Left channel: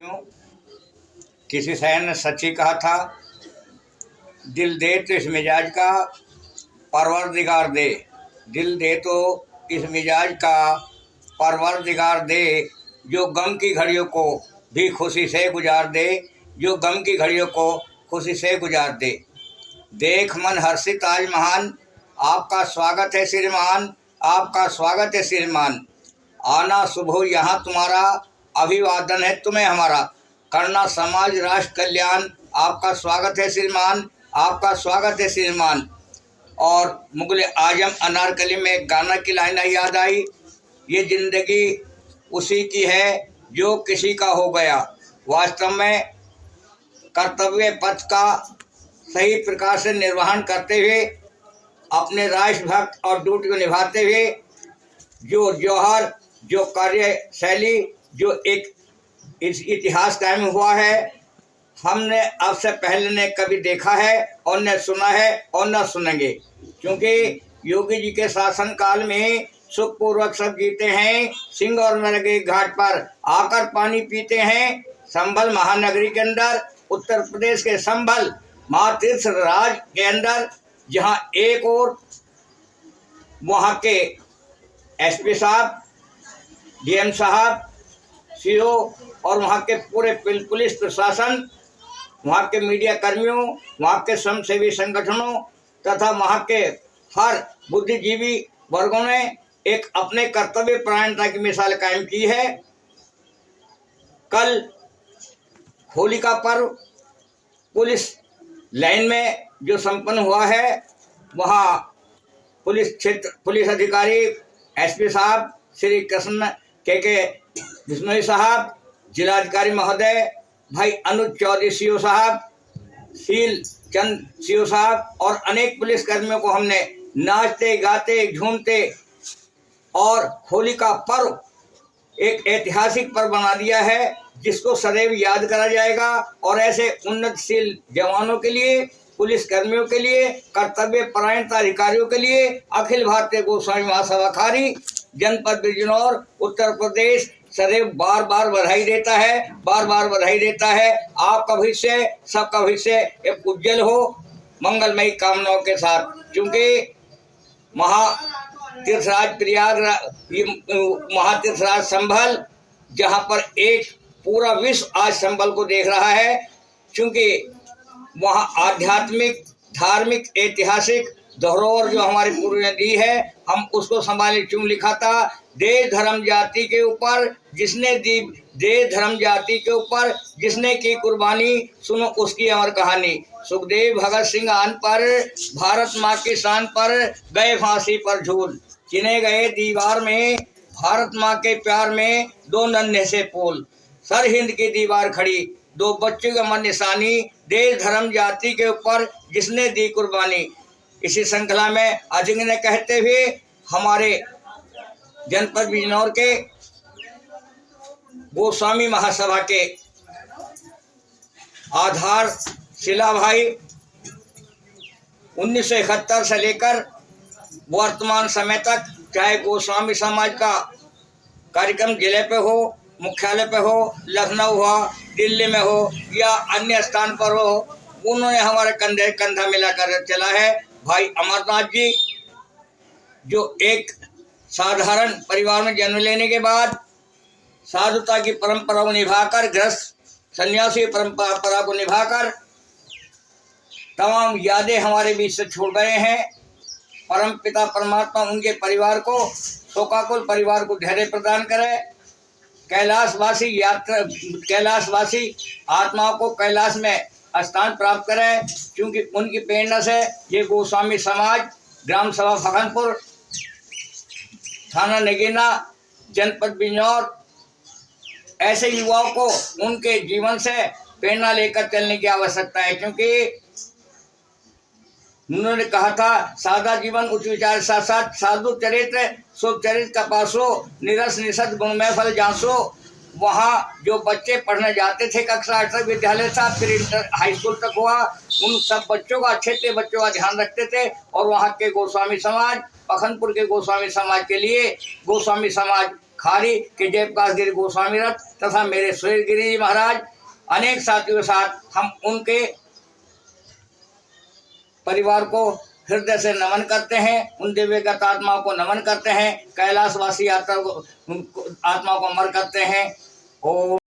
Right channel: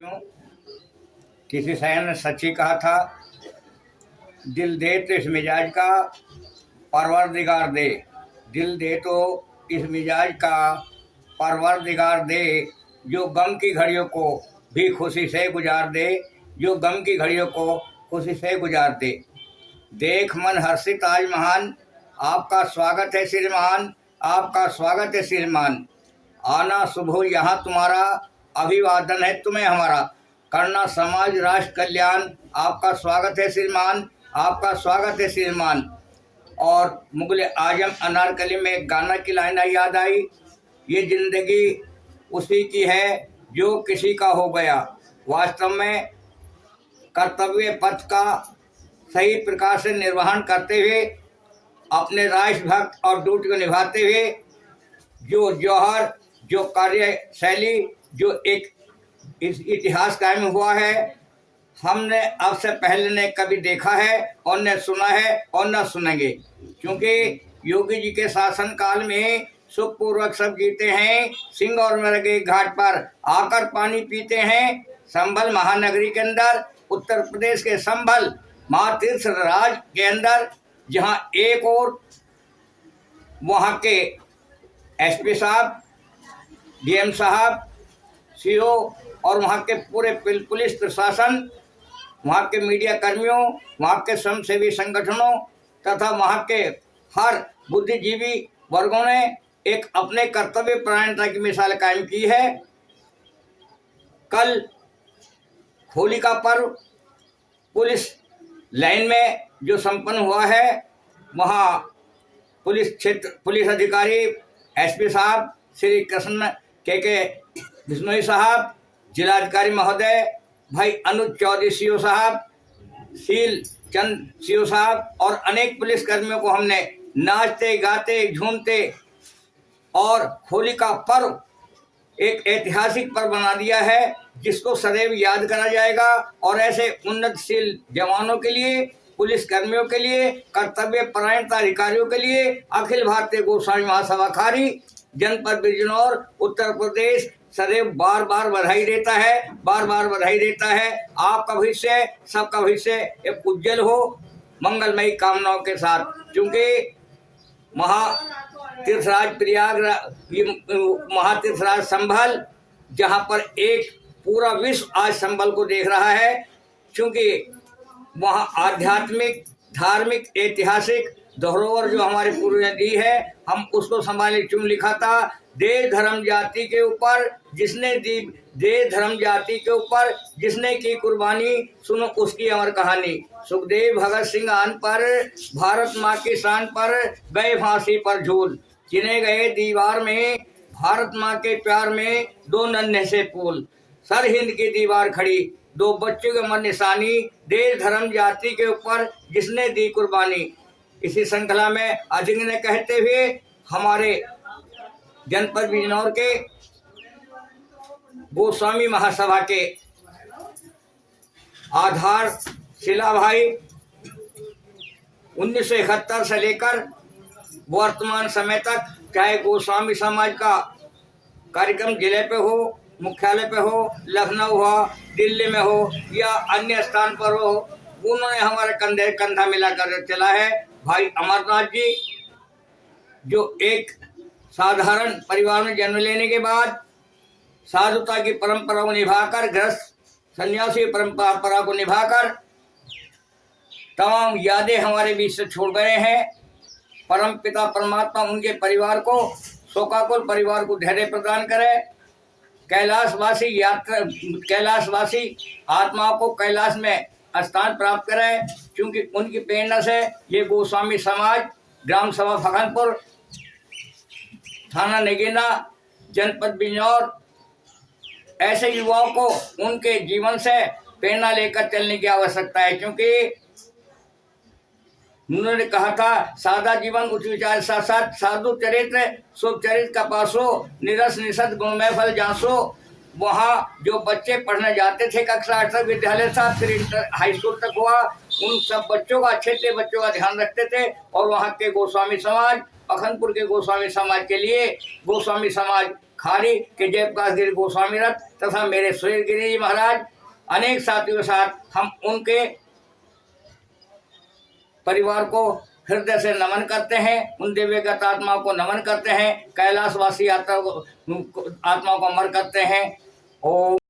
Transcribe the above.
किसी शायर ने सच ही कहा था, दिल दे तो इस मिजाज का परवरदिगार दे। दिल दे तो इस मिजाज का परवरदिगार दे, जो गम की घड़ियों को भी खुशी से गुजार दे, जो गम की घड़ियों को खुशी से गुजार दे। देख मन हर्षित आज महान, आपका स्वागत है श्रीमान, आपका स्वागत है श्रीमान। आना शुभ यहाँ तुम्हारा, अभिवादन है तुम्हें हमारा। करना समाज राष्ट्र कल्याण, आपका स्वागत है श्रीमान, आपका स्वागत है श्रीमान। और मुगल आजम अनारकली में एक गाना की लाइन याद आई, ये जिंदगी उसी की है जो किसी का हो गया। वास्तव में कर्तव्य पथ का सही प्रकार से निर्वहन करते हुए, अपने राष्ट्रभक्त और ड्यूटी को निभाते हुए जो जौहर, जो कार्यशैली, जो एक इतिहास कायम हुआ है, हमने अब से पहले ने कभी देखा है और न सुना है और न सुनेंगे। क्योंकि योगी जी के शासन काल में सुखपूर्वक सब जीते हैं, सिंह और मृगे घाट पर आकर पानी पीते हैं। संभल महानगरी के अंदर, उत्तर प्रदेश के संभल महातीर्थ राज के अंदर, जहां एक और वहां के एसपी साहब, डीएम साहब, सीओ और वहाँ के पूरे पुलिस प्रशासन, वहाँ के मीडिया कर्मियों, वहाँ के स्वयंसेवी संगठनों तथा वहाँ के हर बुद्धिजीवी वर्गों ने एक अपने कर्तव्य परायणता की मिसाल कायम की है। कल होली का पर्व पुलिस लाइन में जो संपन्न हुआ है, वहाँ पुलिस अधिकारी एसपी साहब श्री कृष्ण के बिश्नोई साहब, जिलाधिकारी महोदय भाई अनुज चौधरी सीओ साहब, शील चंद सीओ साहब और अनेक पुलिस कर्मियों को हमने नाचते गाते झूमते और होली का पर्व एक ऐतिहासिक पर्व बना दिया है, जिसको सदैव याद करा जाएगा। और ऐसे उन्नतशील जवानों के लिए, पुलिस कर्मियों के लिए, कर्तव्य परायणता अधिकारियों के लिए अखिल भारतीय गोस्वामी महासभा खारी जनपद बिजनौर उत्तर प्रदेश सदैव बार बार बधाई देता है, बार बार बधाई देता है। आपका भविष्य, सबका भविष्य एक उज्जवल हो, मंगलमयी कामनाओं के साथ। क्योंकि महातीर्थराज प्रयाग, महातीर्थराज संभल, जहाँ पर एक पूरा विश्व आज संभल को देख रहा है, क्योंकि वहाँ आध्यात्मिक, धार्मिक, ऐतिहासिक धरोहर जो हमारे पूर्वजों ने दी है, हम उसको संभाले। चुन लिखा था, देश धर्म जाति के ऊपर जिसने दी, देश धर्म जाति के ऊपर जिसने की कुर्बानी, सुनो उसकी अमर कहानी। सुखदेव भगत सिंह आन पर, भारत माँ की शान पर गए फांसी पर झूल। चिने गए दीवार में, भारत माँ के प्यार में दो नन्हे से फूल। सर हिंद की दीवार खड़ी, दो बच्चों का मन निशानी, देश धर्म जाति के ऊपर जिसने दी कुर्बानी। इसी श्रृंखला में अधिक ने कहते हुए हमारे जनपद बिजनौर के गोस्वामी महासभा के आधार शिला भाई 1971 से लेकर वर्तमान समय तक, चाहे गोस्वामी समाज का कार्यक्रम जिले पे हो, मुख्यालय पे हो, लखनऊ हो, दिल्ली में हो या अन्य स्थान पर हो, उन्होंने हमारे कंधे कंधा मिलाकर चला है। भाई अमरनाथ जी, जो एक साधारण परिवार में जन्म लेने के बाद साधुता की परंपरा को निभाकर, गृहस्थ सन्यासी परंपरा को निभाकर तमाम यादें हमारे बीच से छोड़ गए हैं। परम पिता परमात्मा उनके परिवार को, शोकाकुल परिवार को धैर्य प्रदान करे। कैलाशवासी आत्माओं को कैलाश में स्थान प्राप्त करें, क्योंकि उनकी प्रेरणा से ये गोस्वामी समाज, ग्राम सभा फखनपुर, थाना नगीना, जनपद बिजनौर, ऐसे युवाओं को उनके जीवन से प्रेरणा लेकर चलने की आवश्यकता है। क्योंकि उन्होंने कहा था, सादा जीवन उच्च विचार साथ साथ साधु चरित्र, शुभ चरित्र का पासो, निरस निषद गुणमय फल जासो। वहाँ जो बच्चे पढ़ने जाते थे कक्षा 8 तक विद्यालय था, फिर इंटर हाई स्कूल तक हुआ, उन सब बच्चों का, अच्छे अच्छे बच्चों का ध्यान रखते थे। और वहाँ के गोस्वामी समाज, पखनपुर के गोस्वामी समाज के लिए गोस्वामी समाज खारी के जयप्रकाश गिरी गोस्वामी रथ तथा मेरे सुरेश गिरी जी महाराज अनेक साथियों के साथ हम उनके परिवार को हृदय से नमन करते हैं, उन दिव्यगत आत्माओं को नमन करते हैं, कैलाशवासी आत्मा को अमर करते हैं। ओम